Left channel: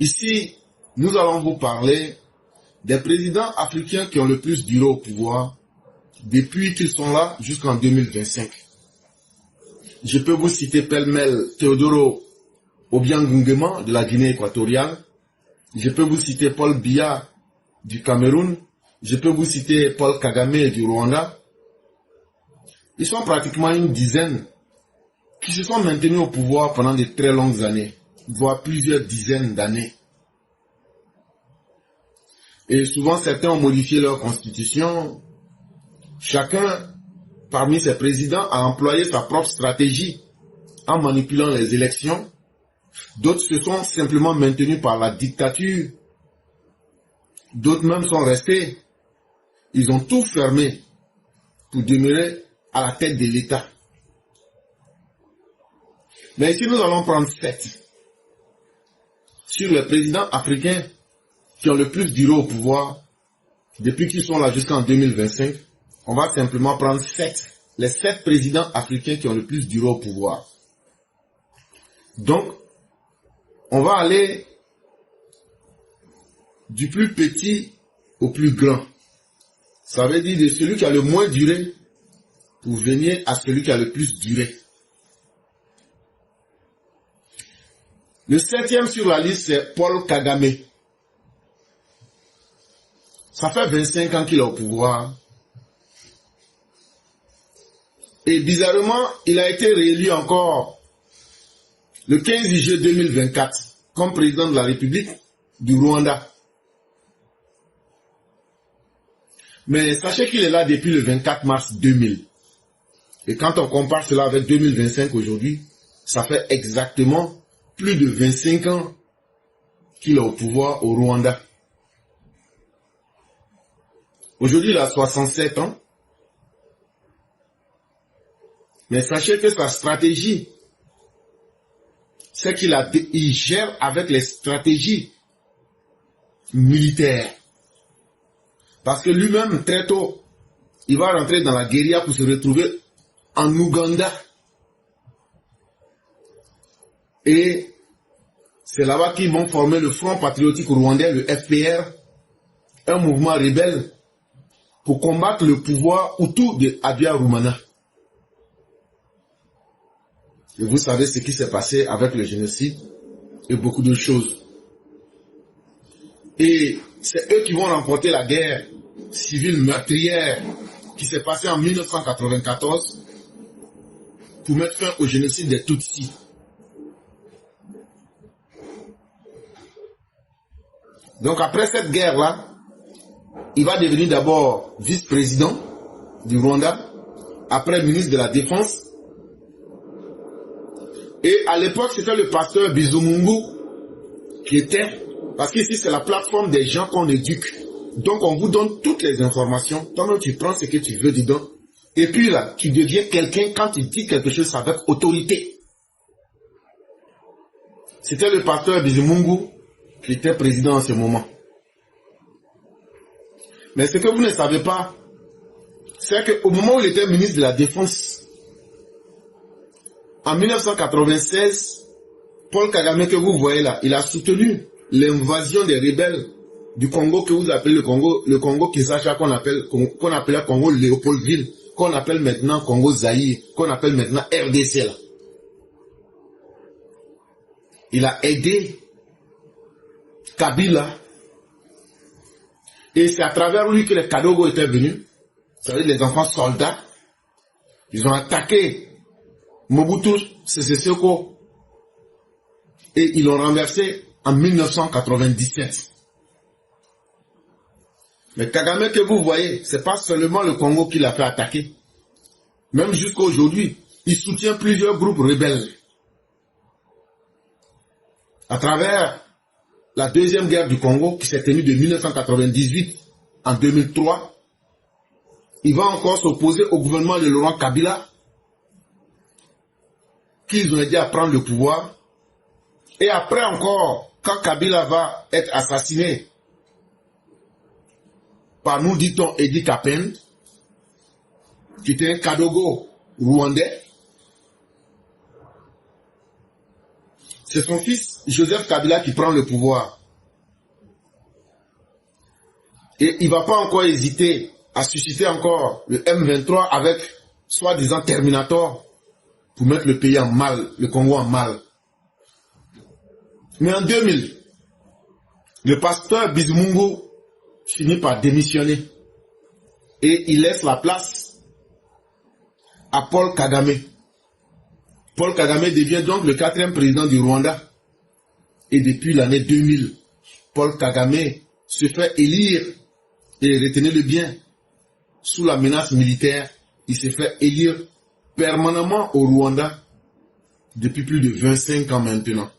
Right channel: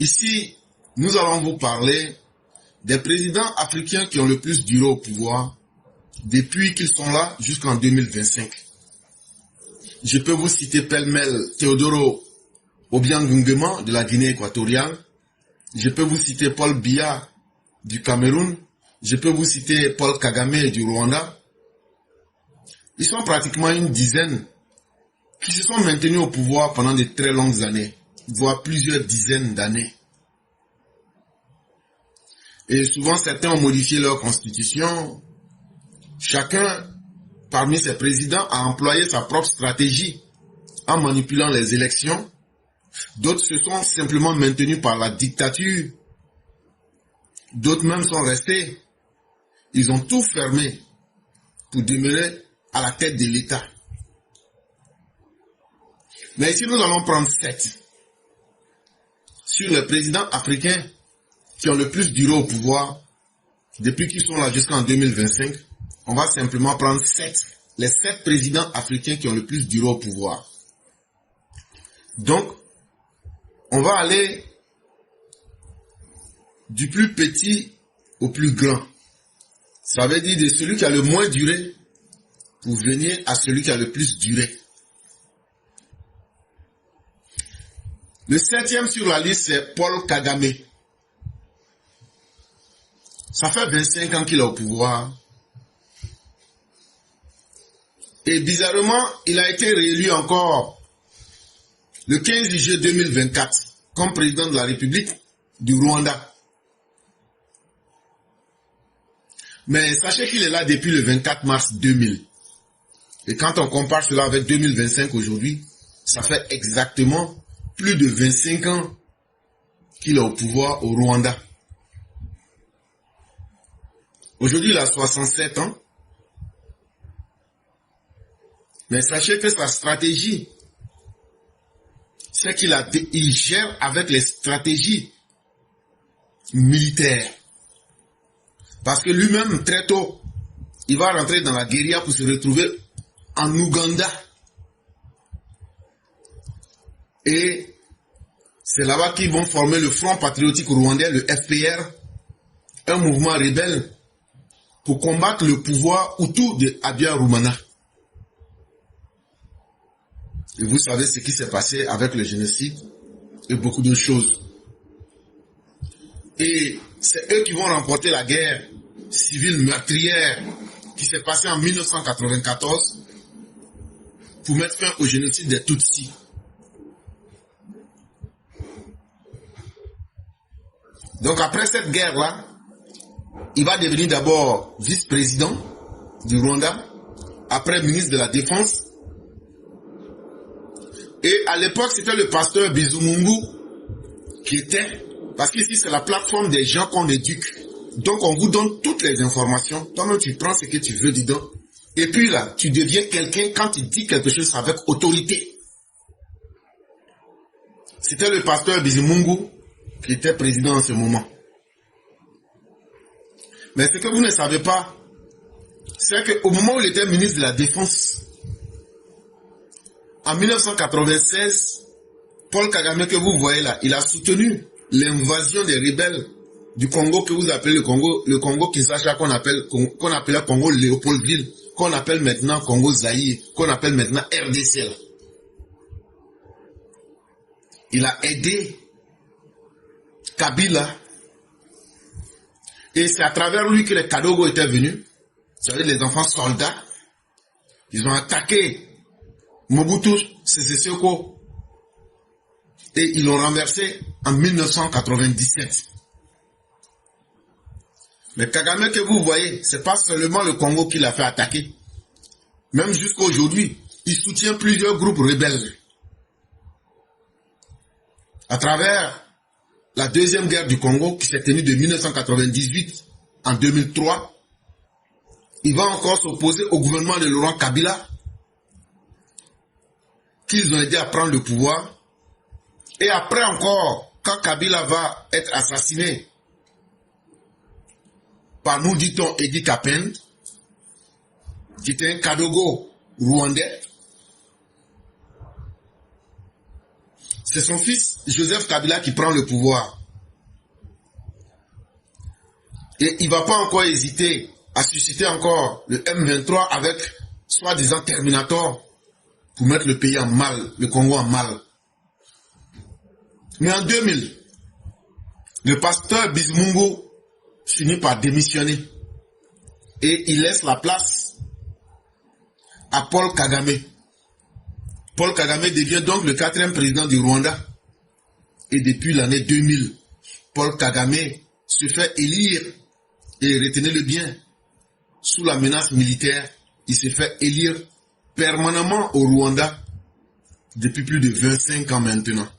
Ici, nous allons vous parler des présidents africains qui ont le plus duré au pouvoir depuis qu'ils sont là jusqu'en 2025. Je peux vous citer pêle-mêle Teodoro Obiang Nguema de la Guinée équatoriale. Je peux vous citer Paul Biya du Cameroun. Je peux vous citer Paul Kagame du Rwanda. Ils sont pratiquement une dizaine qui se sont maintenus au pouvoir pendant de très longues années, voire plusieurs dizaines d'années. Et souvent, certains ont modifié leur constitution. Chacun, parmi ces présidents, a employé sa propre stratégie en manipulant les élections. D'autres se sont simplement maintenus par la dictature. D'autres même sont restés. Ils ont tout fermé pour demeurer à la tête de l'État. Mais ici, nous allons prendre 7 sur les présidents africains qui ont le plus duré au pouvoir depuis qu'ils sont là jusqu'en 2025. On va simplement prendre 7. Les 7 présidents africains qui ont le plus duré au pouvoir. Donc, on va aller du plus petit au plus grand. Ça veut dire de celui qui a le moins duré pour venir à celui qui a le plus duré. Le 7e sur la liste, c'est Paul Kagame. Ça fait 25 ans qu'il est au pouvoir. Et bizarrement, il a été réélu encore le 15 juillet 2024 comme président de la République du Rwanda. Mais sachez qu'il est là depuis le 24 mars 2000. Et quand on compare cela avec 2025 aujourd'hui, ça fait exactement plus de 25 ans qu'il est au pouvoir au Rwanda. Aujourd'hui, il a 67 ans. Mais sachez que sa stratégie, c'est qu'il gère avec les stratégies militaires. Parce que lui-même, très tôt, il va rentrer dans la guérilla pour se retrouver en Ouganda. Et c'est là-bas qu'ils vont former le Front patriotique rwandais, le FPR, un mouvement rebelle pour combattre le pouvoir Hutu de Habyarimana. Et vous savez ce qui s'est passé avec le génocide et beaucoup de choses. Et c'est eux qui vont remporter la guerre civile meurtrière qui s'est passée en 1994 pour mettre fin au génocide des Tutsis. Donc après cette guerre-là, il va devenir d'abord vice-président du Rwanda, après ministre de la Défense. Et à l'époque, c'était le pasteur Bizumungu qui était, parce qu'ici c'est la plateforme des gens qu'on éduque. Donc on vous donne toutes les informations, toi-même tu prends ce que tu veux dedans. Et puis là, tu deviens quelqu'un quand tu dis quelque chose avec autorité. C'était le pasteur Bizumungu qui était président en ce moment. Mais ce que vous ne savez pas, c'est qu'au moment où il était ministre de la Défense, en 1996, Paul Kagame que vous voyez là, il a soutenu l'invasion des rebelles du Congo que vous appelez le Congo Kinshasa qu'on appelait Congo Léopoldville, qu'on appelle maintenant Congo Zaïre, qu'on appelle maintenant RDC là. Il a aidé Kabila. Et c'est à travers lui que les Kadogo étaient venus. C'est-à-dire les enfants soldats. Ils ont attaqué Mobutu Sese Seko. Et ils l'ont renversé en 1997. Mais Kagame que vous voyez, ce n'est pas seulement le Congo qui l'a fait attaquer. Même jusqu'à aujourd'hui, il soutient plusieurs groupes rebelles. À travers la deuxième guerre du Congo qui s'est tenue de 1998 en 2003, il va encore s'opposer au gouvernement de Laurent Kabila, qu'ils ont aidé à prendre le pouvoir. Et après encore, quand Kabila va être assassiné par, nous dit-on, Idi Kapen, qui était un Kadogo rwandais, c'est son fils Joseph Kabila qui prend le pouvoir. Et il ne va pas encore hésiter à susciter encore le M23 avec soi-disant Terminator pour mettre le pays en mal, le Congo en mal. Mais en 2000, le pasteur Bizimungu finit par démissionner et il laisse la place à Paul Kagame. Paul Kagame devient donc le 4e président du Rwanda. Et depuis l'année 2000, Paul Kagame se fait élire, et retenez-le bien, sous la menace militaire, il se fait élire permanemment au Rwanda depuis plus de 25 ans maintenant.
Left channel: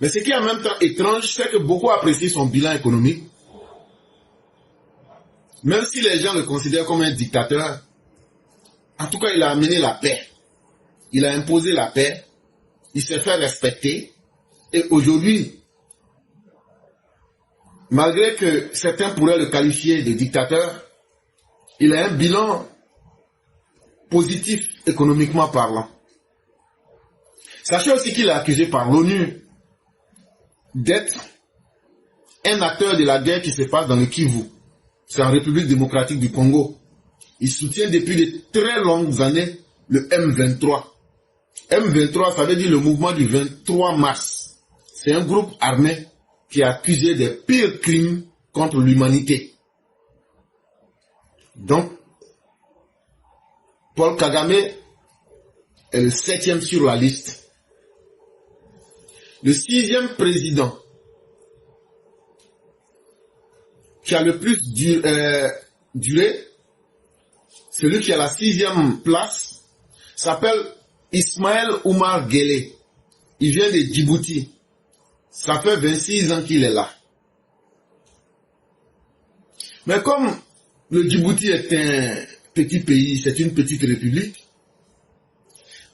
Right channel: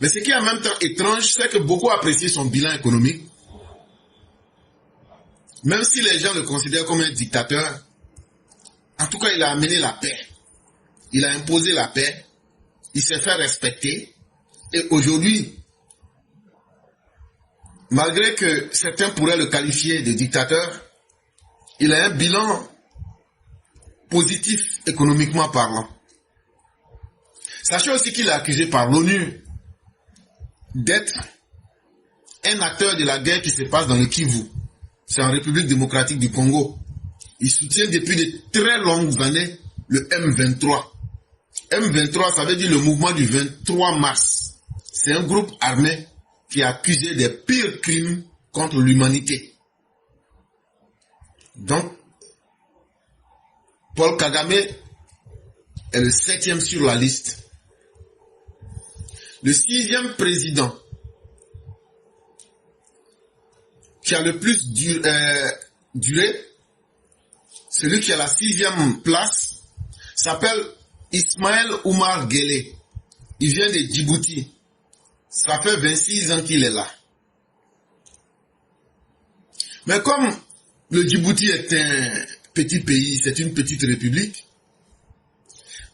Mais ce qui est en même temps étrange, c'est que beaucoup apprécient son bilan économique. Même si les gens le considèrent comme un dictateur, en tout cas, il a amené la paix. Il a imposé la paix. Il s'est fait respecter. Et aujourd'hui, malgré que certains pourraient le qualifier de dictateur, il a un bilan positif économiquement parlant. Sachez aussi qu'il est accusé par l'ONU d'être un acteur de la guerre qui se passe dans le Kivu. C'est en République démocratique du Congo. Il soutient depuis de très longues années le M23. M23, ça veut dire le mouvement du 23 mars. C'est un groupe armé qui est accusé des pires crimes contre l'humanité. Donc, Paul Kagame est le 7e sur la liste. Le 6e président qui a le plus duré, celui qui a la 6e place, s'appelle Ismaël Omar Guelleh. Il vient de Djibouti. Ça fait 26 ans qu'il est là. Mais comme le Djibouti est un petit pays, c'est une petite république,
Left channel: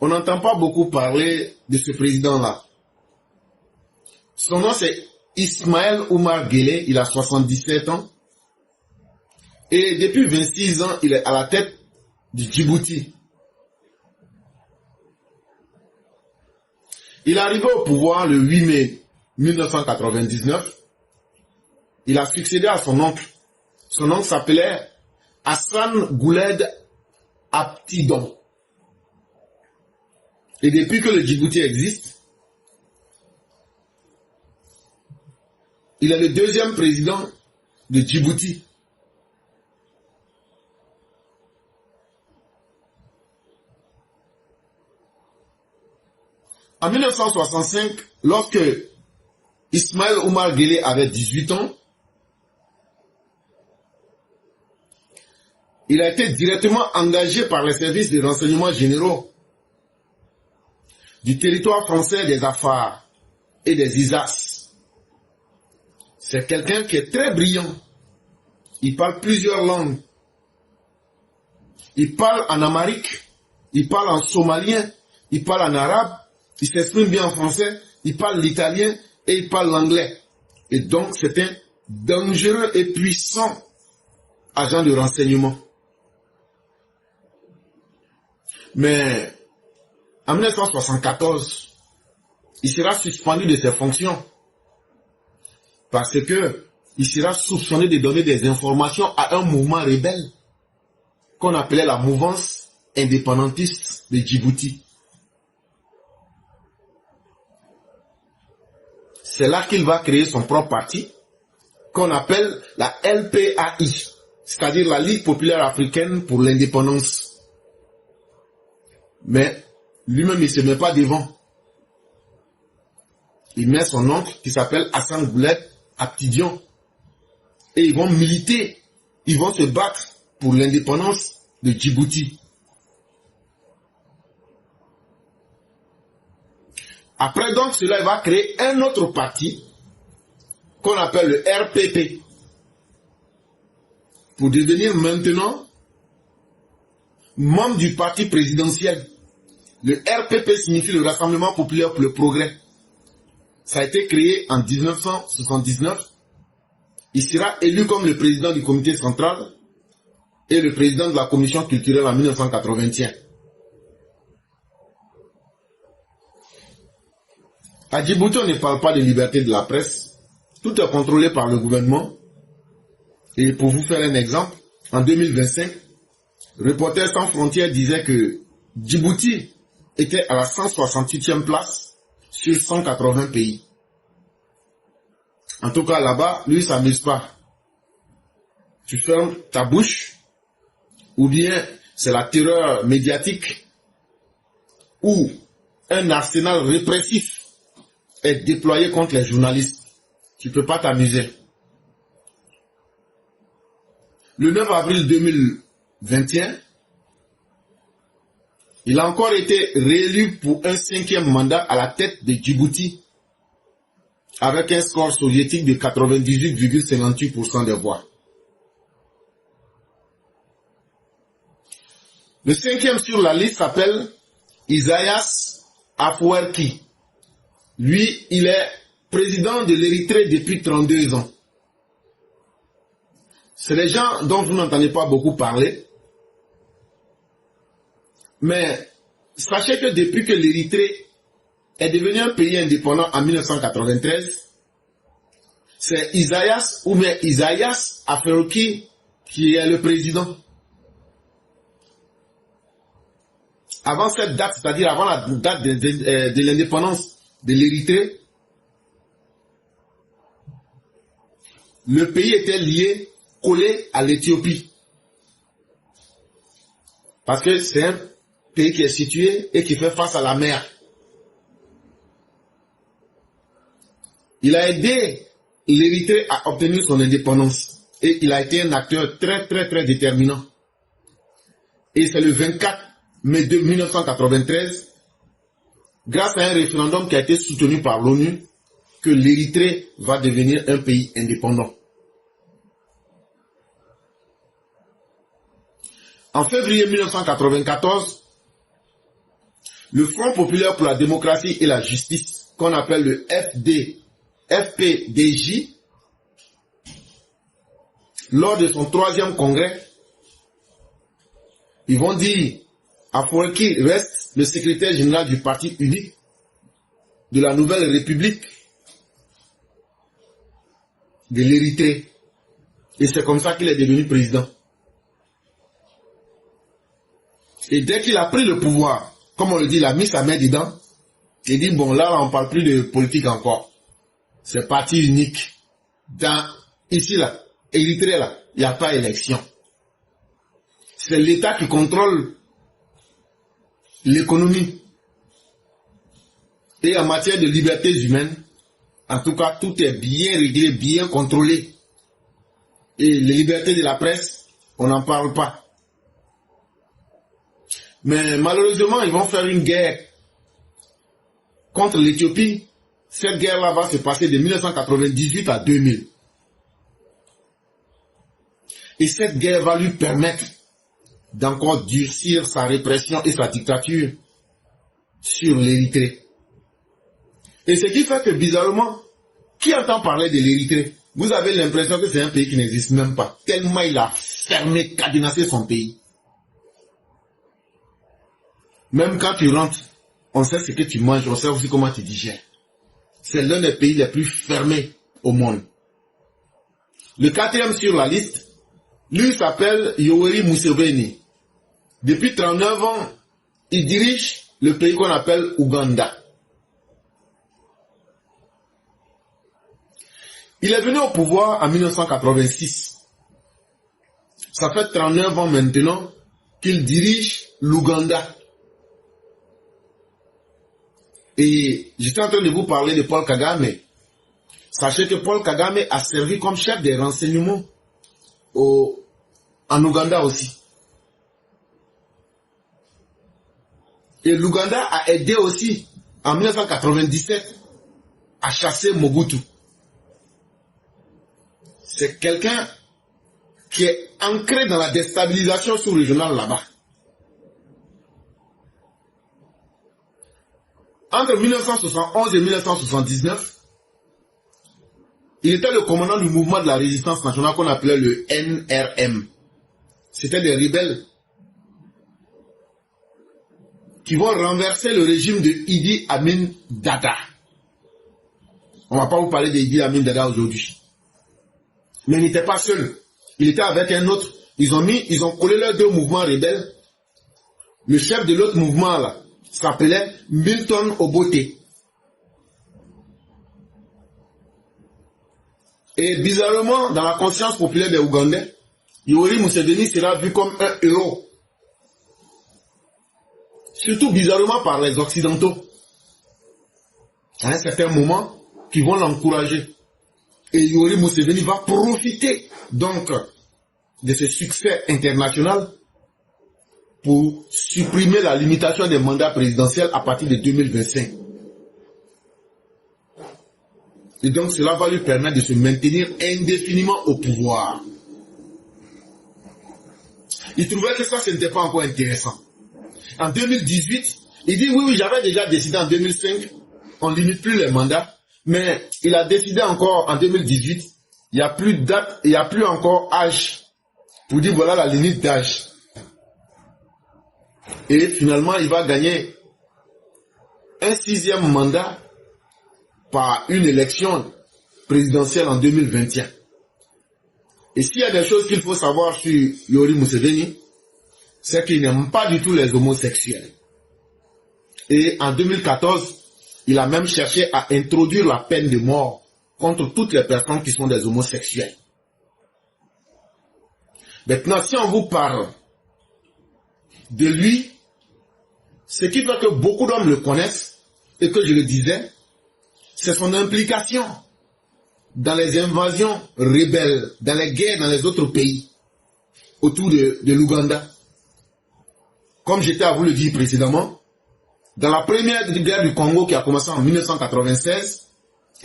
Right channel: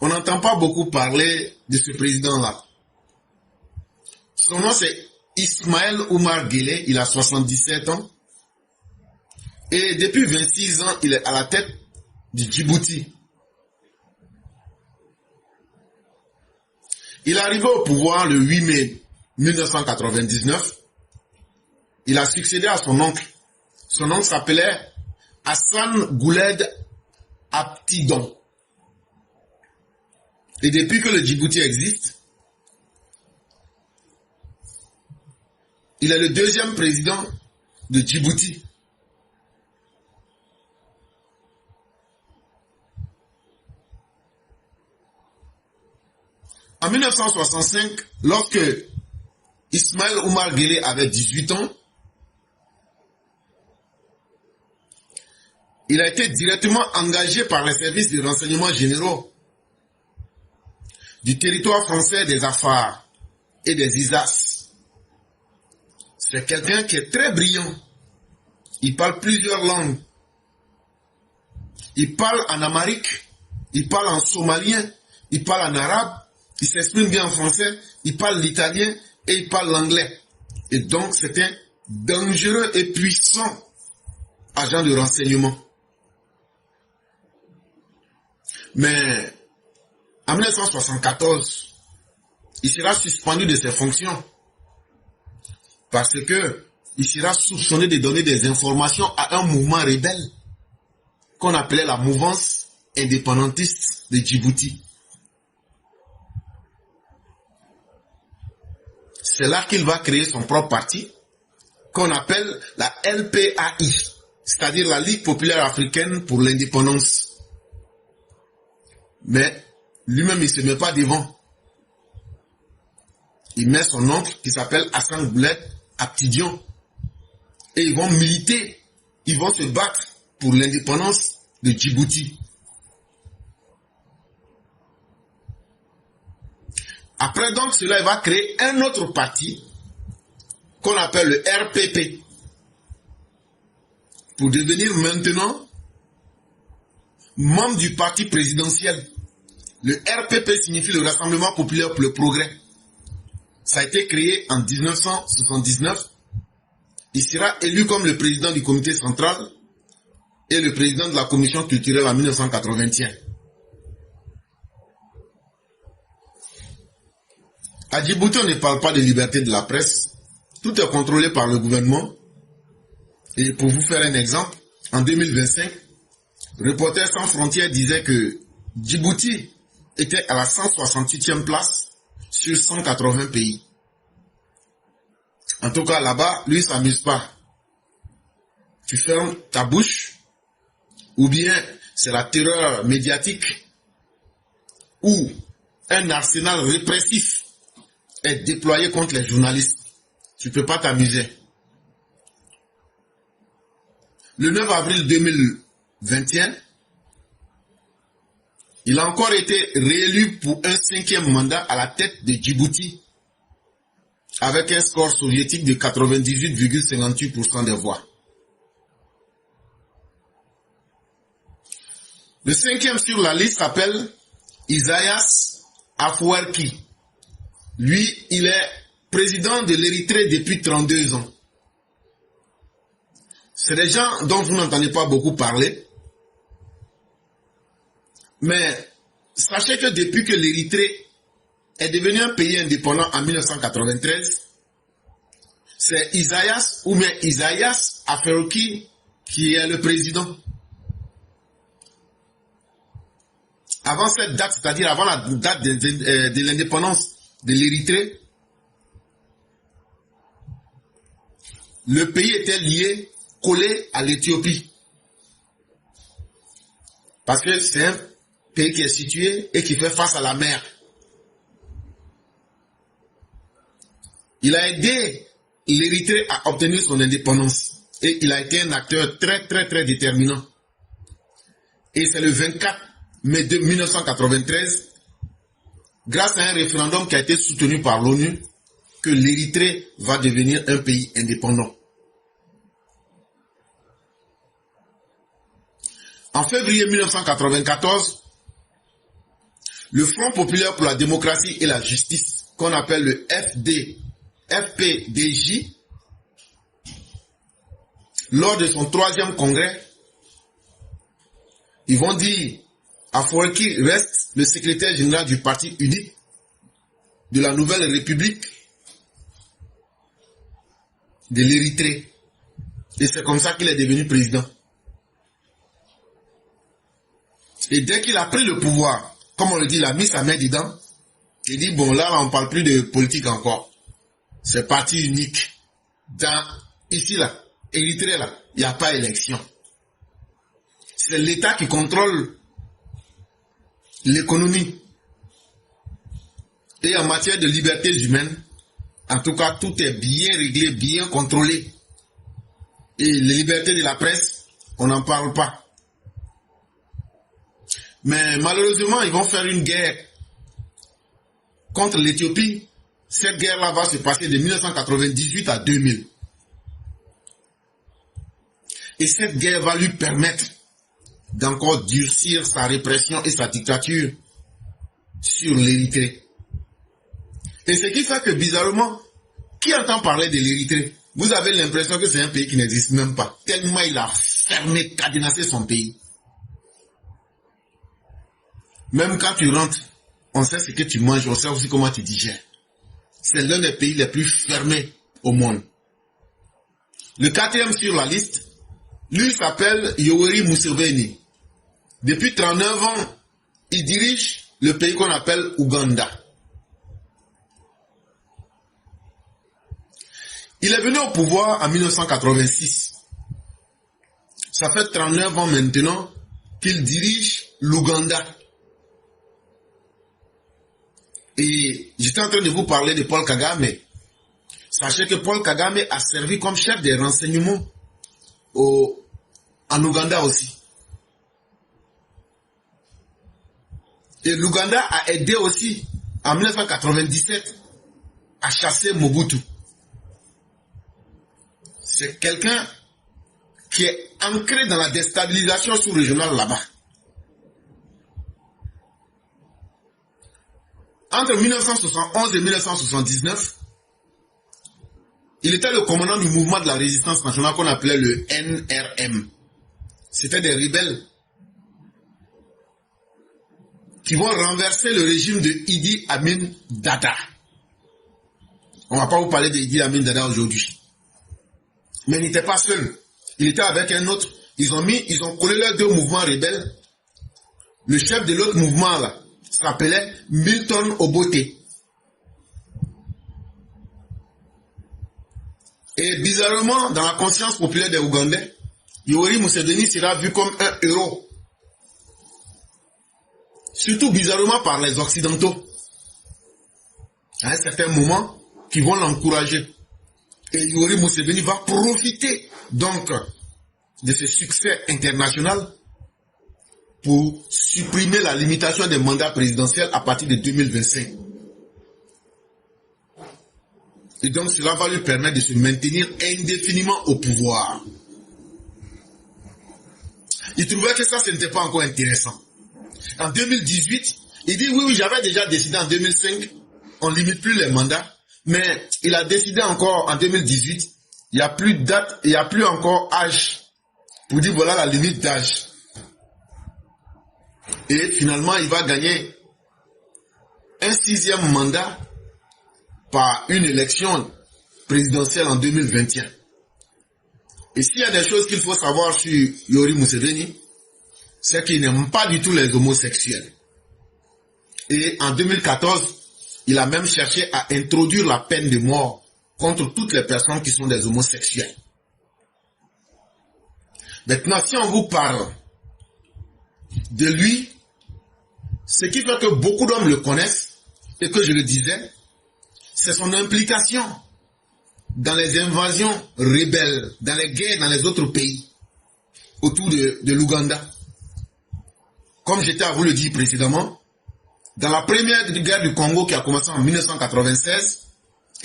on n'entend pas beaucoup parler de ce président-là. Son nom c'est Ismaël Omar Guelleh, il a 77 ans. Et depuis 26 ans, il est à la tête du Djibouti. Il est arrivé au pouvoir le 8 mai 1999. Il a succédé à son oncle. Son oncle s'appelait Hassan Gouled Abtidon. Et depuis que le Djibouti existe, il est le 2e président de Djibouti. En 1965, lorsque Ismaël Omar Guelleh avait 18 ans, il a été directement engagé par les services de renseignement généraux du territoire français des Afars et des ISAS. C'est quelqu'un qui est très brillant. Il parle plusieurs langues. Il parle en amharique, il parle en somalien, il parle en arabe, il s'exprime bien en français, il parle l'italien et il parle l'anglais. Et donc c'est un dangereux et puissant agent de renseignement. Mais en 1974, il sera suspendu de ses fonctions parce que il sera soupçonné de donner des informations à un mouvement rebelle qu'on appelait la mouvance indépendantiste de Djibouti. C'est là qu'il va créer son propre parti qu'on appelle la LPAI, c'est-à-dire la Ligue populaire africaine pour l'indépendance. Mais lui-même, il ne se met pas devant. Il met son oncle qui s'appelle Hassan Gouled Abtidon. Et ils vont militer, ils vont se battre pour l'indépendance de Djibouti. Après donc cela, il va créer un autre parti qu'on appelle le RPP pour devenir maintenant membre du parti présidentiel. Le RPP signifie le Rassemblement populaire pour le progrès. Ça a été créé en 1979. Il sera élu comme le président du comité central et le président de la commission culturelle en 1981. À Djibouti, on ne parle pas de liberté de la presse. Tout est contrôlé par le gouvernement. Et pour vous faire un exemple, en 2025, Reporters sans frontières disait que Djibouti était à la 168e place sur 180 pays. En tout cas, là-bas, lui, il ne s'amuse pas. Tu fermes ta bouche, ou bien c'est la terreur médiatique, ou un arsenal répressif est déployé contre les journalistes. Tu ne peux pas t'amuser. Le 9 avril 2021, il a encore été réélu pour un 5e mandat à la tête de Djibouti, avec un score soviétique de 98,58% des voix. Le 5e sur la liste s'appelle Isaias Afwerki. Lui, il est président de l'Érythrée depuis 32 ans. C'est des gens dont vous n'entendez pas beaucoup parler. Mais sachez que depuis que l'Érythrée est devenu un pays indépendant en 1993, c'est Isaias ou bien Isaias Afwerki qui est le président. Avant cette date, c'est-à-dire avant la date de l'indépendance de l'Érythrée, le pays était lié, collé à l'Éthiopie. Parce que c'est un pays qui est situé et qui fait face à la mer. Il a aidé l'Érythrée à obtenir son indépendance. Et il a été un acteur très déterminant. Et c'est le 24 mai 1993, grâce à un référendum qui a été soutenu par l'ONU, que l'Érythrée va devenir un pays indépendant. En février 1994, le Front populaire pour la démocratie et la justice, qu'on appelle le FPDJ, lors de son 3e congrès, ils vont dire Afwerki reste le secrétaire général du parti unique de la nouvelle République de l'Érythrée. Et c'est comme ça qu'il est devenu président. Et dès qu'il a pris le pouvoir, comme on le dit, il a mis sa main dedans, il dit, bon là, on ne parle plus de politique encore. C'est parti unique. Ici, là, Érythrée, là, il n'y a pas élection. C'est l'État qui contrôle l'économie. Et en matière de libertés humaines, en tout cas, tout est bien réglé, bien contrôlé. Et les libertés de la presse, on n'en parle pas. Mais malheureusement, ils vont faire une guerre contre l'Éthiopie. Cette guerre-là va se passer de 1998 à 2000. Et cette guerre va lui permettre d'encore durcir sa répression et sa dictature sur l'Érythrée. Et ce qui fait que bizarrement, qui entend parler de l'Érythrée? Vous avez l'impression que c'est un pays qui n'existe même pas. Tellement il a fermé, cadenassé son pays. Même quand tu rentres, on sait ce que tu manges, on sait aussi comment tu digères. C'est l'un des pays les plus fermés au monde. Le 4e sur la liste, lui s'appelle Yoweri Museveni. Depuis 39 ans, il dirige le pays qu'on appelle Ouganda. Il est venu au pouvoir en 1986. Ça fait 39 ans maintenant qu'il dirige l'Ouganda. Et j'étais en train de vous parler de Paul Kagame. Sachez que Paul Kagame a servi comme chef des renseignements en Ouganda aussi. Et l'Ouganda a aidé aussi en 1997 à chasser Mobutu. C'est quelqu'un qui est ancré dans la déstabilisation sous-régionale là-bas. Entre 1971 et 1979, il était le commandant du mouvement de la résistance nationale qu'on appelait le NRM. C'était des rebelles qui vont renverser le régime de Idi Amin Dada. On ne va pas vous parler d'Idi Amin Dada aujourd'hui. Mais il n'était pas seul. Il était avec un autre. Ils ont collé leurs deux mouvements rebelles. Le chef de l'autre mouvement là s'appelait Milton Obote. Et bizarrement, dans la conscience populaire des Ougandais, Yoweri Museveni sera vu comme un héros. Surtout bizarrement par les Occidentaux. À un certain moment, qui vont l'encourager. Et Yoweri Museveni va profiter donc de ce succès international pour supprimer la limitation des mandats présidentiels à partir de 2025. Et donc cela va lui permettre de se maintenir indéfiniment au pouvoir. Il trouvait que ça, ce n'était pas encore intéressant. En 2018, il dit oui, j'avais déjà décidé en 2005, on ne limite plus les mandats, mais il a décidé encore en 2018, il n'y a plus de date, il n'y a plus encore âge, pour dire voilà la limite d'âge. Et finalement, il va gagner un 6e mandat par une élection présidentielle en 2021. Et s'il y a des choses qu'il faut savoir sur Yoweri Museveni, c'est qu'il n'aime pas du tout les homosexuels. Et en 2014, il a même cherché à introduire la peine de mort contre toutes les personnes qui sont des homosexuels. Maintenant, si on vous parle de lui, ce qui fait que beaucoup d'hommes le connaissent, et que je le disais, c'est son implication dans les invasions rebelles, dans les guerres dans les autres pays, autour de l'Ouganda. Comme j'étais à vous le dire précédemment, dans la première guerre du Congo qui a commencé en 1996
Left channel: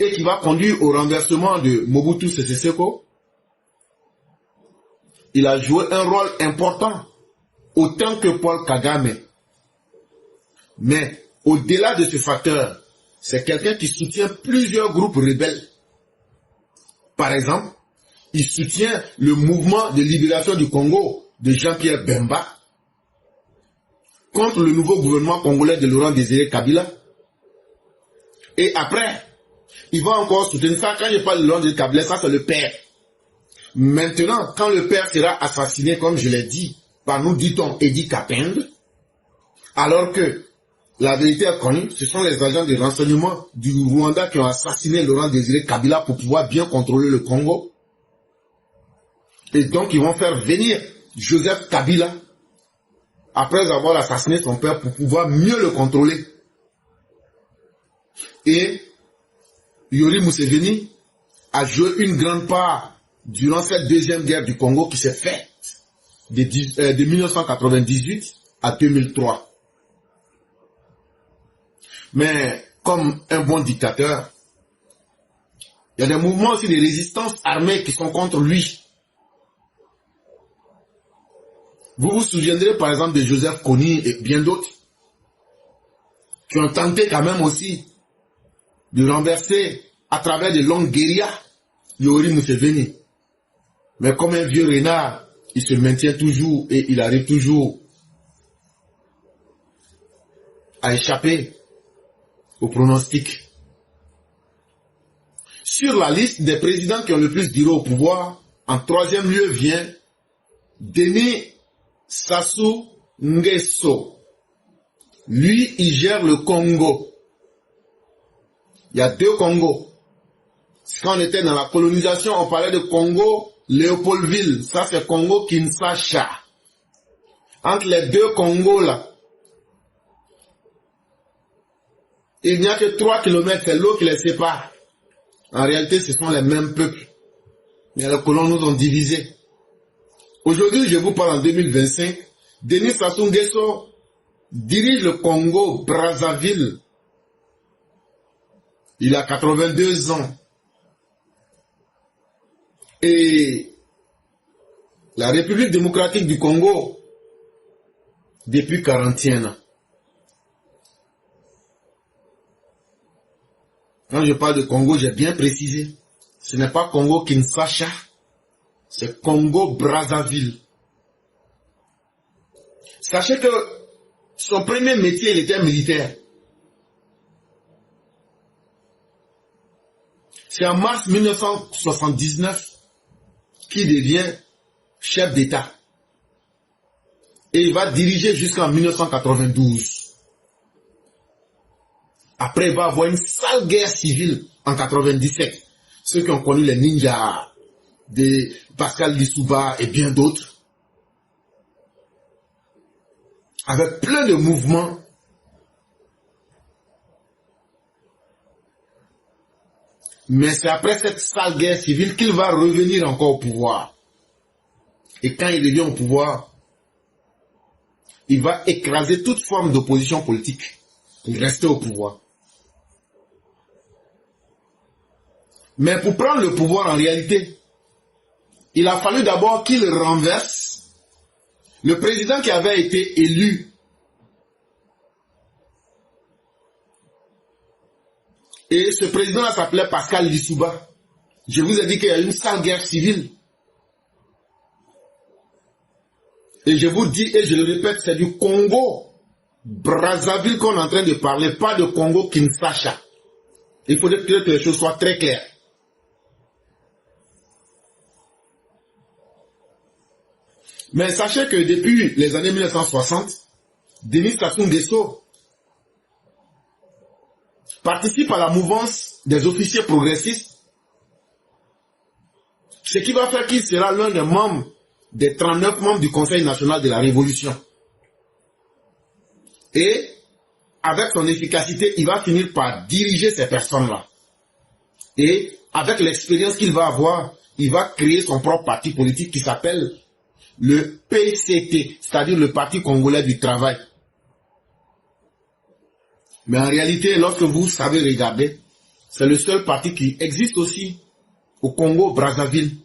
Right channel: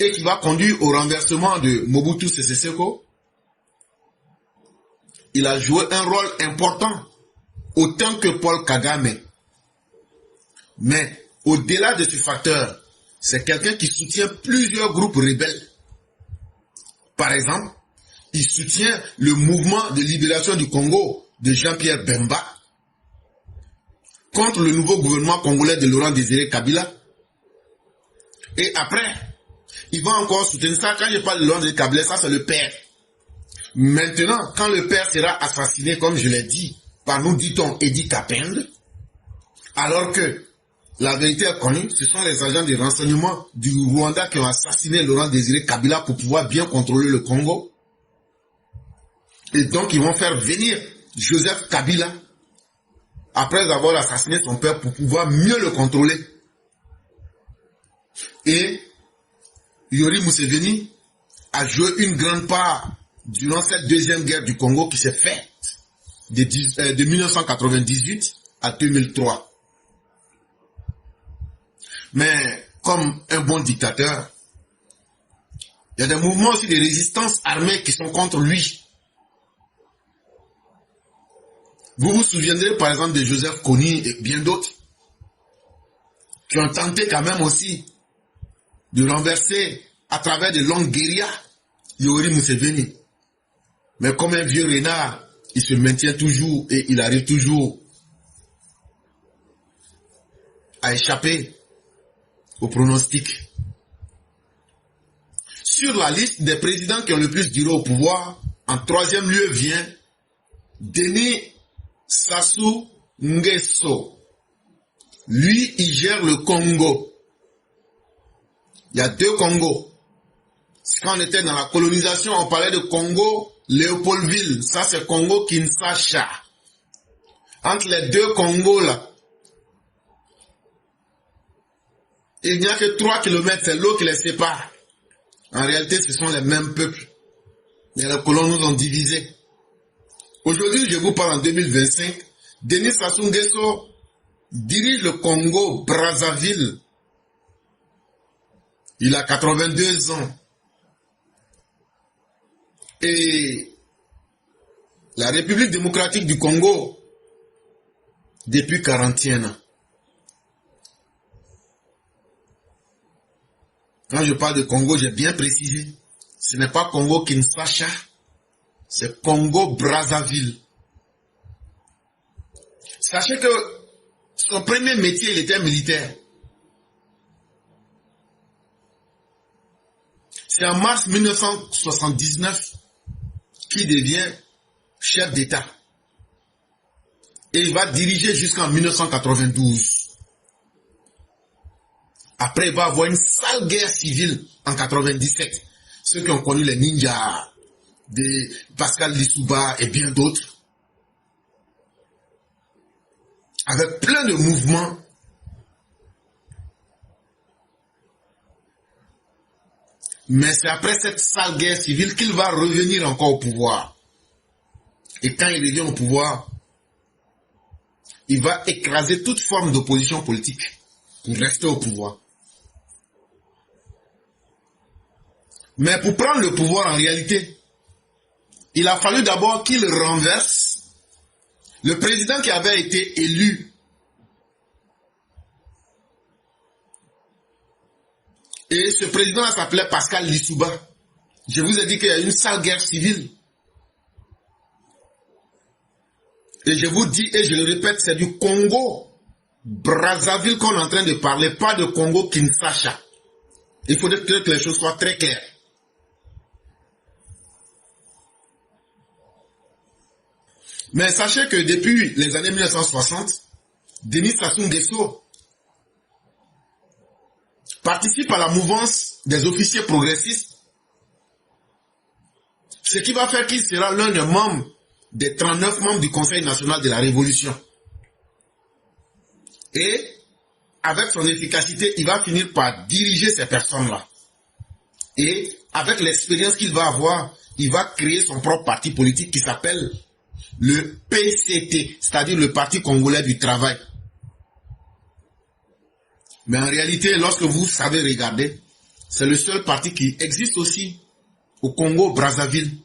et qui va conduire au renversement de Mobutu Sese Seko, il a joué un rôle important, autant que Paul Kagame. Mais au-delà de ce facteur, c'est quelqu'un qui soutient plusieurs groupes rebelles. Par exemple, il soutient le mouvement de libération du Congo de Jean-Pierre Bemba contre le nouveau gouvernement congolais de Laurent Désiré Kabila. Et après, il va encore soutenir ça. Quand je parle de Laurent Désiré Kabila, ça c'est le père. Maintenant, quand le père sera assassiné, comme je l'ai dit, par nous dit-on Edi Kapende, alors que la vérité est connue, ce sont les agents de renseignement du Rwanda qui ont assassiné Laurent Désiré Kabila pour pouvoir bien contrôler le Congo. Et donc, ils vont faire venir Joseph Kabila après avoir assassiné son père pour pouvoir mieux le contrôler. Et Yoweri Museveni a joué une grande part durant cette deuxième guerre du Congo qui s'est faite de 1998 à 2003. Mais comme un bon dictateur, il y a des mouvements aussi de résistance armée qui sont contre lui. Vous vous souviendrez par exemple de Joseph Kony et bien d'autres qui ont tenté quand même aussi de renverser à travers de longues guérillas Yoweri Museveni. Mais comme un vieux renard, il se maintient toujours et il arrive toujours à échapper au pronostic. Sur la liste des présidents qui ont le plus duré au pouvoir, en 3e lieu vient Denis Sassou Nguesso. Lui, il gère le Congo. Il y a 2 Congos. Quand on était dans la colonisation, on parlait de Congo, Léopoldville. Ça, c'est Congo Kinshasa. Entre les 2 Congos, là, il n'y a que 3 kilomètres, c'est l'eau qui les sépare. En réalité, ce sont les mêmes peuples. Mais les colons nous ont divisés. Aujourd'hui, je vous parle en 2025. Denis Sassou Nguesso dirige le Congo Brazzaville. Il a 82 ans. Et la République démocratique du Congo, depuis 41 ans. Quand je parle de Congo, j'ai bien précisé. Ce n'est pas Congo Kinshasa, c'est Congo Brazzaville. Sachez que son premier métier, il était militaire. C'est en mars 1979 qu'il devient chef d'État. Et il va diriger jusqu'en 1992. Après, il va avoir une sale guerre civile en 97. Ceux qui ont connu les ninjas de Pascal Lissouba et bien d'autres. Avec plein de mouvements. Mais c'est après cette sale guerre civile qu'il va revenir encore au pouvoir. Et quand il revient au pouvoir, il va écraser toute forme d'opposition politique pour rester au pouvoir. Mais pour prendre le pouvoir en réalité, il a fallu d'abord qu'il renverse le président qui avait été élu. Et ce président s'appelait Pascal Lissouba. Je vous ai dit qu'il y a eu une sale guerre civile. Et je vous dis, et je le répète, c'est du Congo Brazzaville qu'on est en train de parler, pas de Congo Kinshasa. Il faudrait que les choses soient très claires. Mais sachez que depuis les années 1960, Denis Sassou Nguesso participe à la mouvance des officiers progressistes, ce qui va faire qu'il sera l'un des membres des 39 membres du Conseil national de la Révolution. Et avec son efficacité, il va finir par diriger ces personnes-là. Et avec l'expérience qu'il va avoir, il va créer son propre parti politique qui s'appelle le PCT, c'est-à-dire le Parti Congolais du Travail. Mais en réalité, lorsque vous savez regarder, c'est le seul parti qui existe aussi au Congo Brazzaville.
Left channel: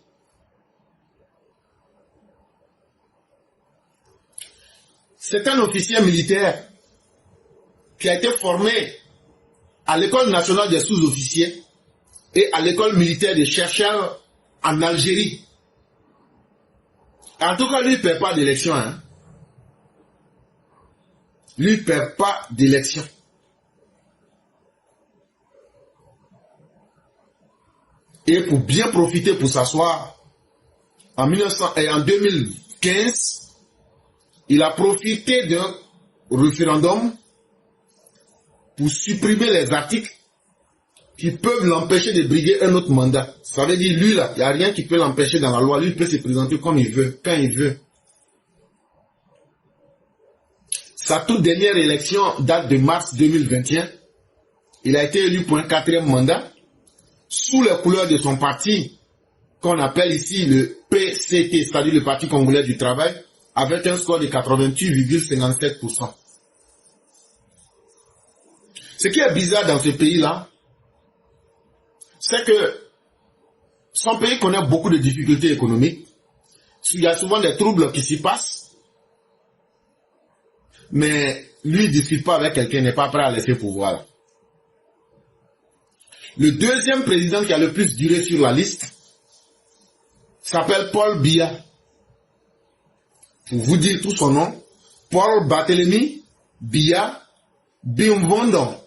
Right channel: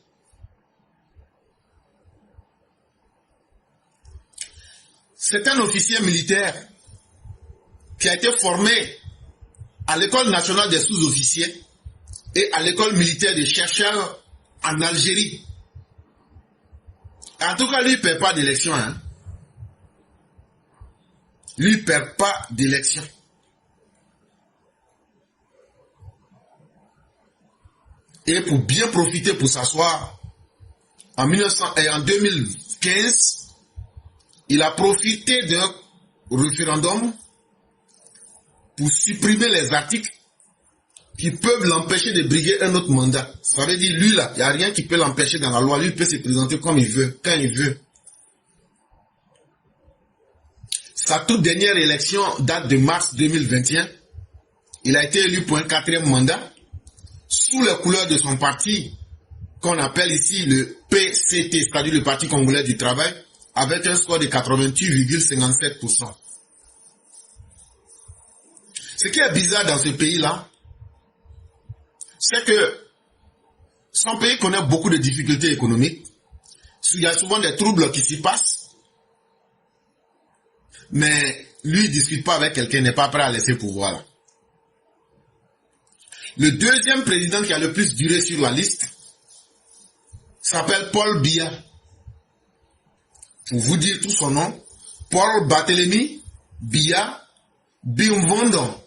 C'est un officier militaire qui a été formé à l'école nationale des sous-officiers et à l'école militaire des chercheurs en Algérie. En tout cas, lui ne perd pas d'élection. Hein? Lui ne perd pas d'élection. Et pour bien profiter, pour s'asseoir, en 2015, il a profité d'un référendum pour supprimer les articles qui peuvent l'empêcher de briguer un autre mandat. Ça veut dire, lui là, il n'y a rien qui peut l'empêcher dans la loi. Lui, il peut se présenter comme il veut, quand il veut. Sa toute dernière élection date de mars 2021. Il a été élu pour un 4e mandat sous les couleurs de son parti, qu'on appelle ici le PCT, c'est-à-dire le Parti Congolais du Travail, avec un score de 88,57%. Ce qui est bizarre dans ce pays-là, c'est que son pays connaît beaucoup de difficultés économiques. Il y a souvent des troubles qui s'y passent. Mais lui, il ne discute pas avec quelqu'un, n'est pas prêt à laisser pouvoir. Le deuxième président qui a le plus duré sur la liste s'appelle Paul Biya. Pour vous dire tout son nom, Paul Barthélemy Biya Bimvondo.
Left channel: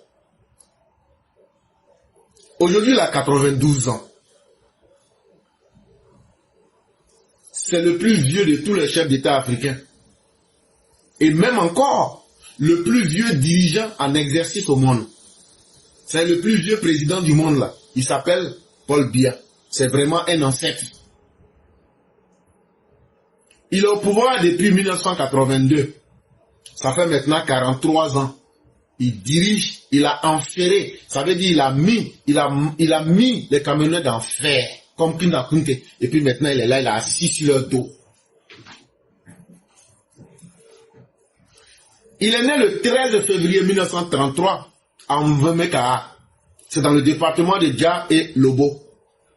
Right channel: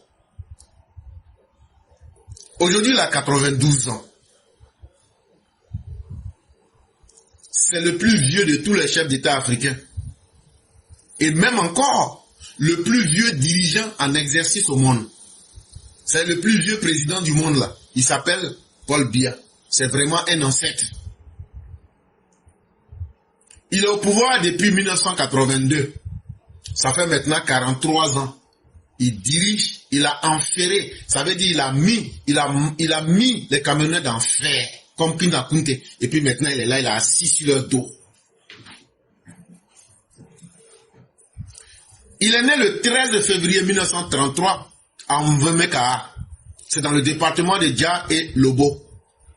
Aujourd'hui, il a 92 ans. C'est le plus vieux de tous les chefs d'État africains. Et même encore, le plus vieux dirigeant en exercice au monde. C'est le plus vieux président du monde là. Il s'appelle Paul Biya. C'est vraiment un ancêtre. Il est au pouvoir depuis 1982. Ça fait maintenant 43 ans. Il dirige, il a enferré. Ça veut dire il a mis les camionnettes en fer, comme Pinda Kunte. Et puis maintenant il est là, il a assis sur leur dos. Il est né le 13 février 1933 à Mvemekara. C'est dans le département de Dja et Lobo.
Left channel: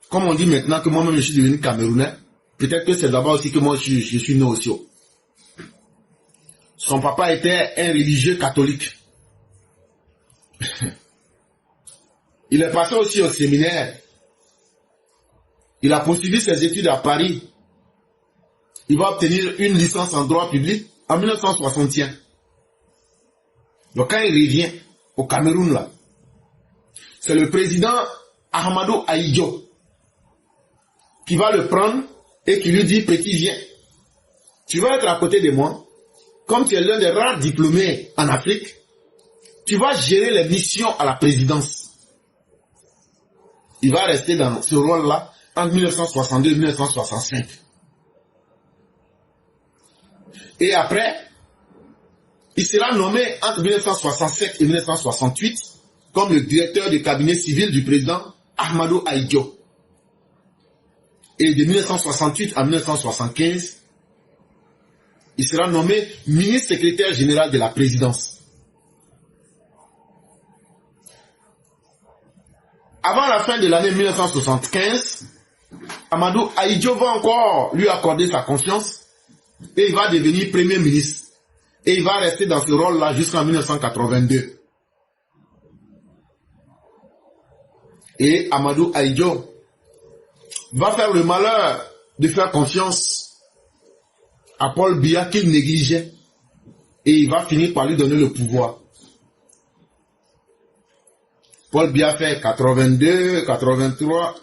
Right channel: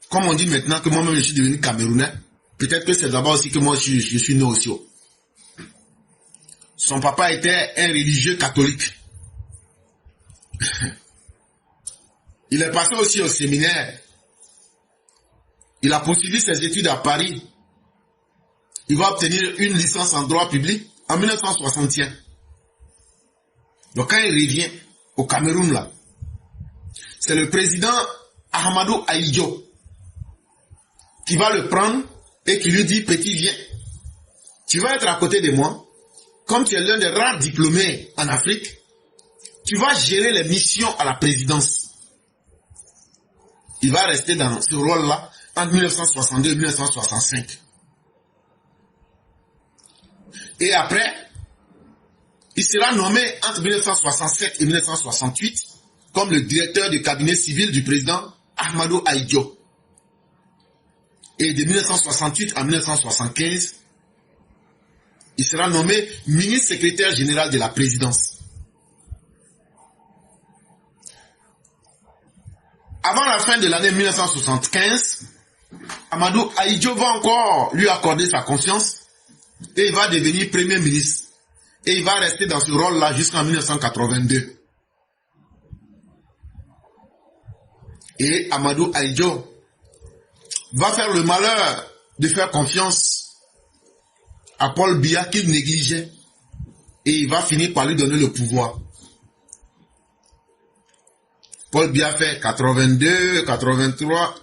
Comme on dit maintenant que moi-même je suis devenu Camerounais, peut-être que c'est d'abord aussi que moi je suis né aussi. Son papa était un religieux catholique. Il est passé aussi au séminaire. Il a poursuivi ses études à Paris. Il va obtenir une licence en droit public en 1961. Donc quand il revient au Cameroun là, c'est le président Ahmadou Ahidjo, qui va le prendre et qui lui dit, petit, viens, tu vas être à côté de moi, comme tu es l'un des rares diplômés en Afrique, tu vas gérer les missions à la présidence. Il va rester dans ce rôle-là entre 1962 et 1965. Et après, il sera nommé entre 1967 et 1968 comme le directeur du cabinet civil du président Ahmadou Ahidjo. Et de 1968 à 1975, il sera nommé ministre secrétaire général de la présidence. Avant la fin de l'année 1975, Ahmadou Ahidjo va encore lui accorder sa confiance et il va devenir premier ministre. Et il va rester dans ce rôle-là jusqu'en 1982. Et Ahmadou Ahidjo va faire le malheur de faire confiance à Paul Biya qu'il négligeait. Et il va finir par lui donner le pouvoir. Paul Biya fait 82, 83.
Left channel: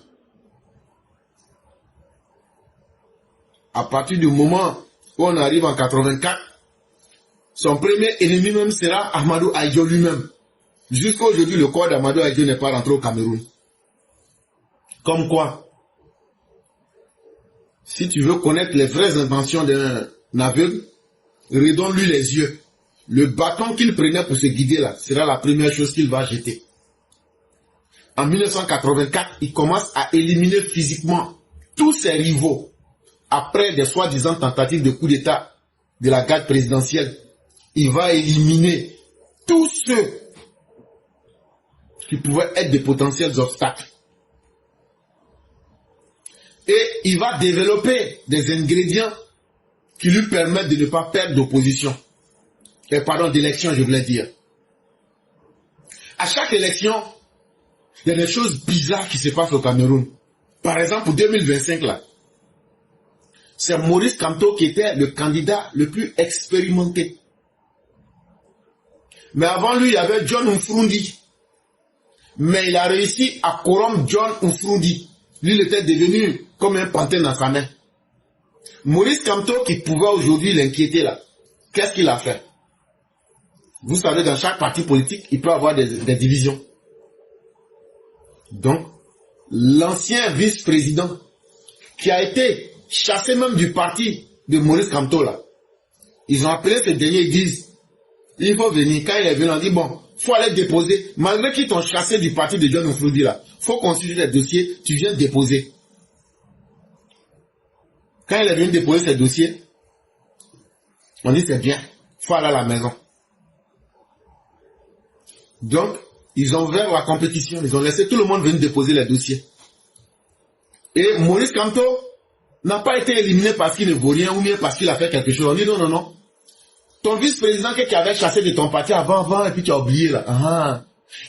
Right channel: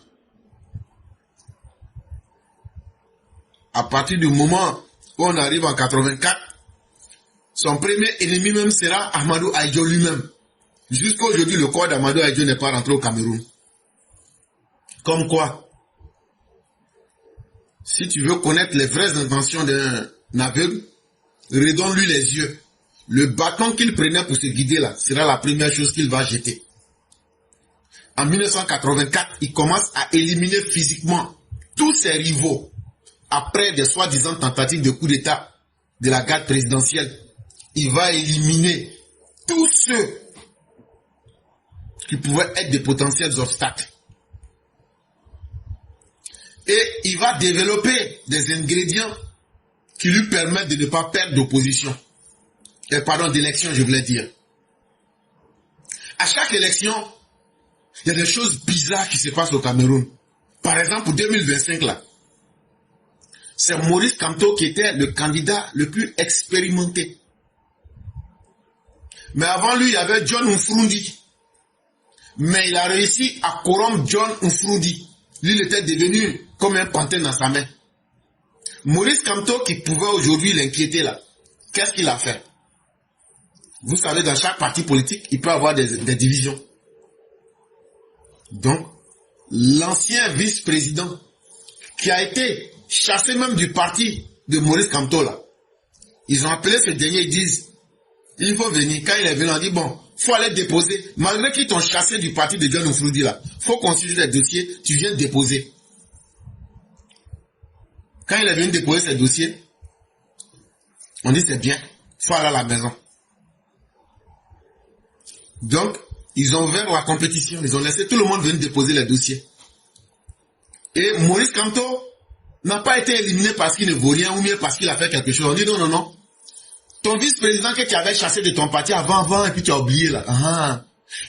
À partir du moment où on arrive en 84, son premier ennemi même sera Ahmadou Ahidjo lui-même. Jusqu'à aujourd'hui, le corps d'Ahmadou Ahidjo n'est pas rentré au Cameroun. Comme quoi, si tu veux connaître les vraies intentions d'un aveugle, redonne-lui les yeux. Le bâton qu'il prenait pour se guider là, sera la première chose qu'il va jeter. En 1984, il commence à éliminer physiquement tous ses rivaux après des soi-disant tentatives de coup d'État de la garde présidentielle. Il va éliminer tous ceux qui pouvaient être des potentiels obstacles. Et il va développer des ingrédients qui lui permettent de ne pas perdre d'opposition. Pardon, d'élection, je voulais dire. À chaque élection, il y a des choses bizarres qui se passent au Cameroun. Par exemple, pour 2025, là, c'est Maurice Kamto qui était le candidat le plus expérimenté. Mais avant lui, il y avait John Nfrundi. Mais il a réussi à corrompre John Nfrundi. Lui, il était devenu comme un pantin dans sa main. Maurice Kamto, qui pouvait aujourd'hui l'inquiéter là, qu'est-ce qu'il a fait? Vous savez, dans chaque parti politique, il peut y avoir des divisions. Donc, l'ancien vice-président, qui a été chassé même du parti de Maurice Kamto là, ils ont appelé ce dernier, ils disent, il faut venir. Quand il est venu, on dit, bon, il faut aller déposer. Malgré qu'ils t'ont chassé du parti de John Nfrundi là, il faut constituer les dossiers, tu viens déposer. Quand il est venu déposer ses dossiers, on dit c'est bien, il faut aller à la maison. Donc, ils ont ouvert la compétition, ils ont laissé tout le monde venir déposer les dossiers. Et Maurice Kamto n'a pas été éliminé parce qu'il ne vaut rien ou bien parce qu'il a fait quelque chose. On dit non, non, non. Ton vice-président que tu avais chassé de ton parti avant, et puis tu as oublié là. Ah.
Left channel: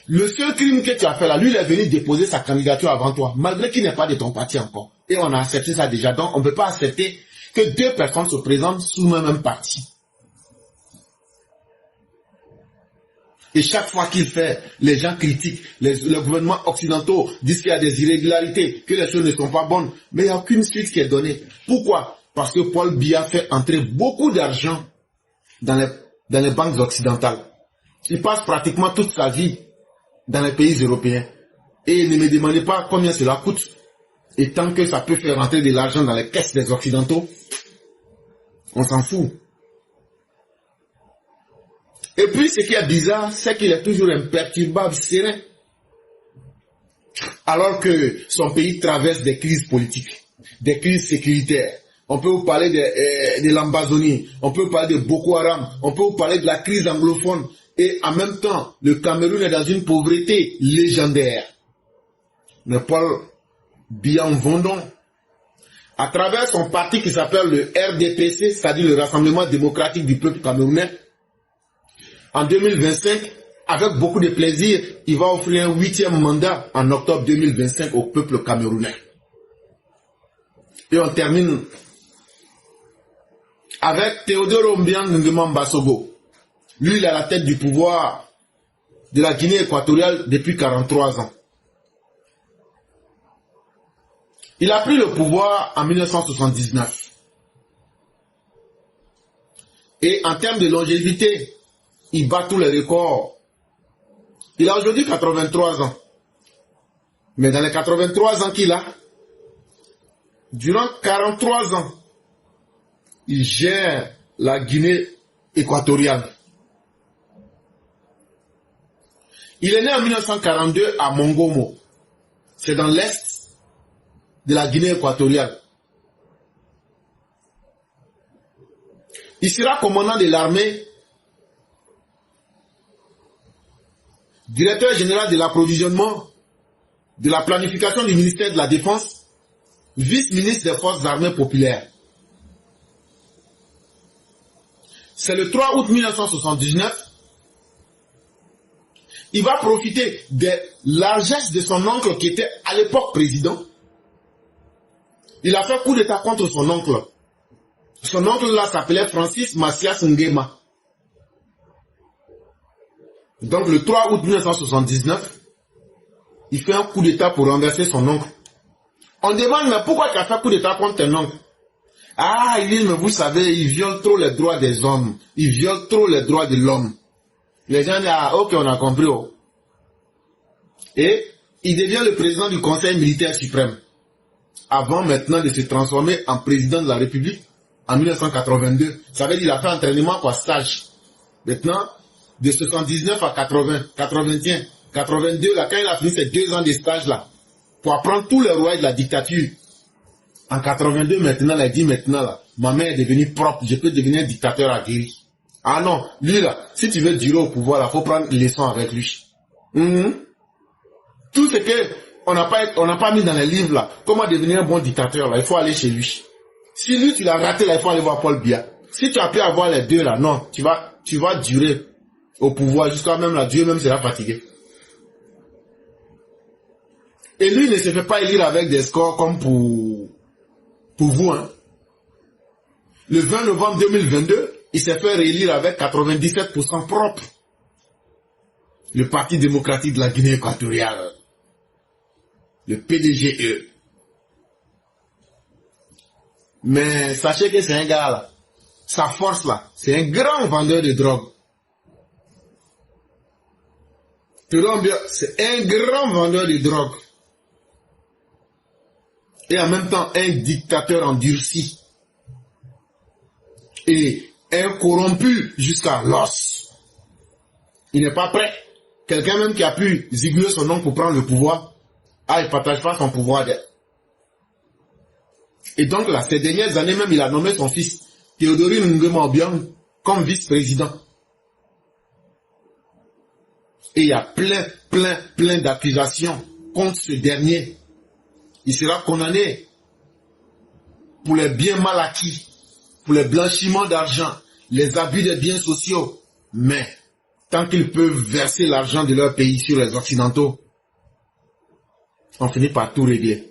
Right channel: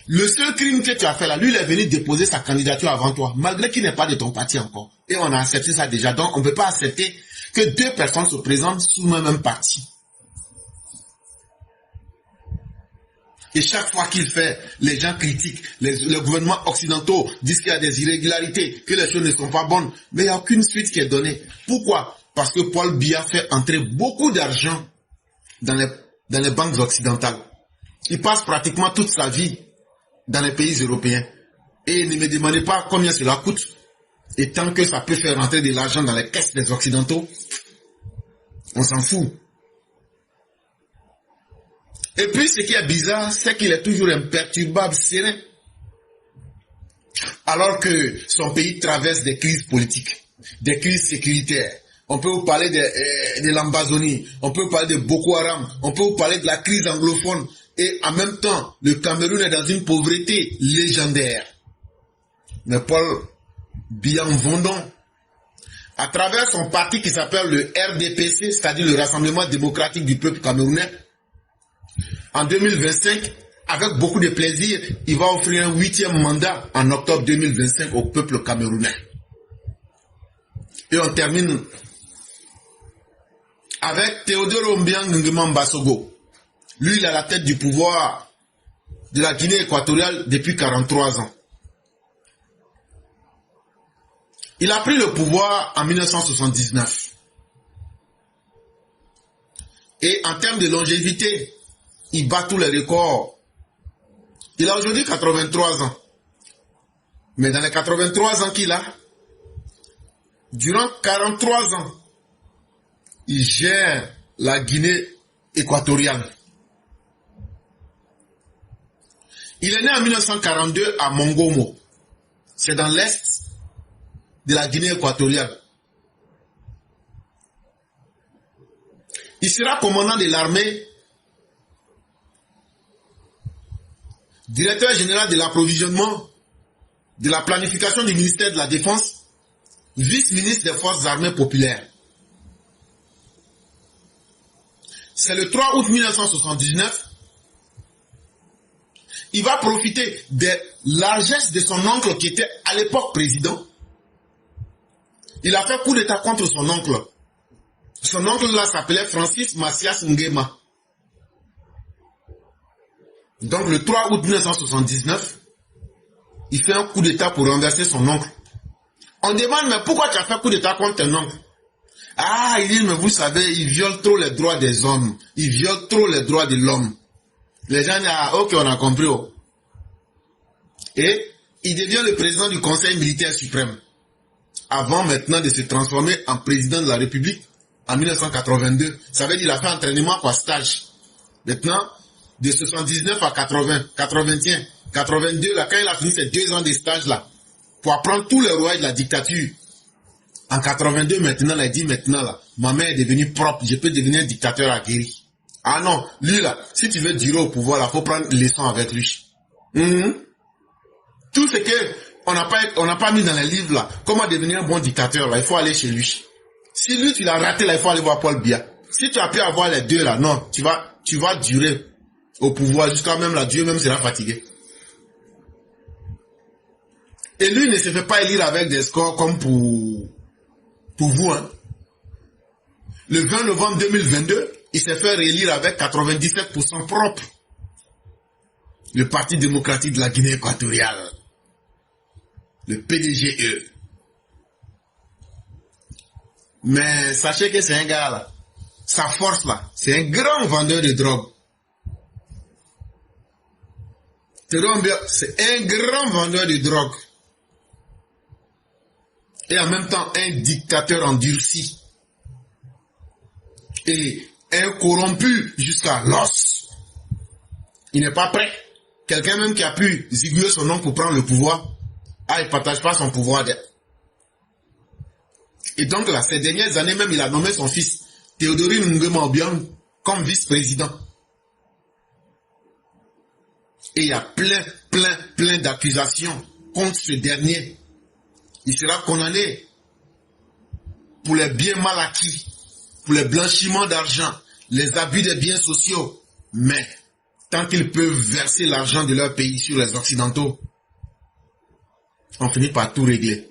Le seul crime que tu as fait là, lui il est venu déposer sa candidature avant toi, malgré qu'il n'est pas de ton parti encore. Et on a accepté ça déjà. Donc on ne peut pas accepter que deux personnes se présentent sous le même parti. Et chaque fois qu'il fait, les gens critiquent, les gouvernements occidentaux disent qu'il y a des irrégularités, que les choses ne sont pas bonnes, mais il n'y a aucune suite qui est donnée. Pourquoi? Parce que Paul Biya fait entrer beaucoup d'argent dans les banques occidentales. Il passe pratiquement toute sa vie dans les pays européens. Et ne me demandez pas combien cela coûte. Et tant que ça peut faire rentrer de l'argent dans les caisses des occidentaux, on s'en fout. Et puis, ce qui est bizarre, c'est qu'il est toujours imperturbable, serein. Alors que son pays traverse des crises politiques, des crises sécuritaires. On peut vous parler de l'Ambazonie, on peut vous parler de Boko Haram, on peut vous parler de la crise anglophone. Et en même temps, le Cameroun est dans une pauvreté légendaire. Mais Paul Biya Mvondon, à travers son parti qui s'appelle le RDPC, c'est-à-dire le Rassemblement démocratique du peuple camerounais, en 2025, avec beaucoup de plaisir, il va offrir un 8e mandat en octobre 2025 au peuple camerounais. Et on termine avec Théodore Obiang Nguema Mbasogo. Lui, il est à la tête du pouvoir de la Guinée équatoriale depuis 43 ans. Il a pris le pouvoir en 1979. Et en termes de longévité, il bat tous les records. Il a aujourd'hui 83 ans. Mais dans les 83 ans qu'il a, durant 43 ans, il gère la Guinée équatoriale. Il est né en 1942 à Mongomo. C'est dans l'est de la Guinée équatoriale. Il sera commandant de l'armée, directeur général de l'approvisionnement, de la planification du ministère de la Défense, vice-ministre des Forces armées populaires. C'est le 3 août 1979. Il va profiter des largesses de son oncle qui était à l'époque président. Il a fait coup d'état contre son oncle. Son oncle là s'appelait Francis Macias Nguema. Donc le 3 août 1979, il fait un coup d'état pour renverser son oncle. On demande, mais pourquoi tu as fait coup d'état contre ton oncle? Ah, il dit, mais vous savez, il viole trop les droits des hommes. Il viole trop les droits de l'homme. Les gens disent, ah, ok, on a compris. Oh. Et il devient le président du Conseil militaire suprême. Avant maintenant de se transformer en président de la République en 1982. Ça veut dire qu'il a fait entraînement quoi, stage. Maintenant, de 79 à 80, 81, 82, là, quand il a fini ses 2 ans de stage là, pour apprendre tous les rouages de la dictature. En 82, maintenant, il a dit maintenant là, ma mère est devenue propre, je peux devenir dictateur aguerri. Ah non, lui là, si tu veux durer au pouvoir, il faut prendre leçon avec lui. Tout ce que on n'a pas mis dans les livres là, comment devenir un bon dictateur là, il faut aller chez lui. Si lui tu l'as raté là, il faut aller voir Paul Biya. Si tu as pu avoir les deux là, non, tu vas durer au pouvoir jusqu'à même là, Dieu même sera fatigué. Et lui ne se fait pas élire avec des scores comme pour vous. Hein. Le 20 novembre 2022, il s'est fait réélire avec 97% propre. Le Parti démocratique de la Guinée équatoriale. Le PDGE. Mais sachez que c'est un gars là. Sa force là, c'est un grand vendeur de drogue. C'est un grand vendeur de drogue. Et en même temps, un dictateur endurci. Et un corrompu jusqu'à l'os. Il n'est pas prêt. Quelqu'un même qui a pu ziguer son nom pour prendre le pouvoir, il ne partage pas son pouvoir. Et donc là, ces dernières années même, il a nommé son fils, Théodorin Nguema Obiang, comme vice-président. Et il y a plein d'accusations contre ce dernier. Il sera condamné pour les biens mal acquis, pour le blanchiment d'argent, les abus des biens sociaux. Mais tant qu'ils peuvent verser l'argent de leur pays sur les Occidentaux, on finit par tout régler.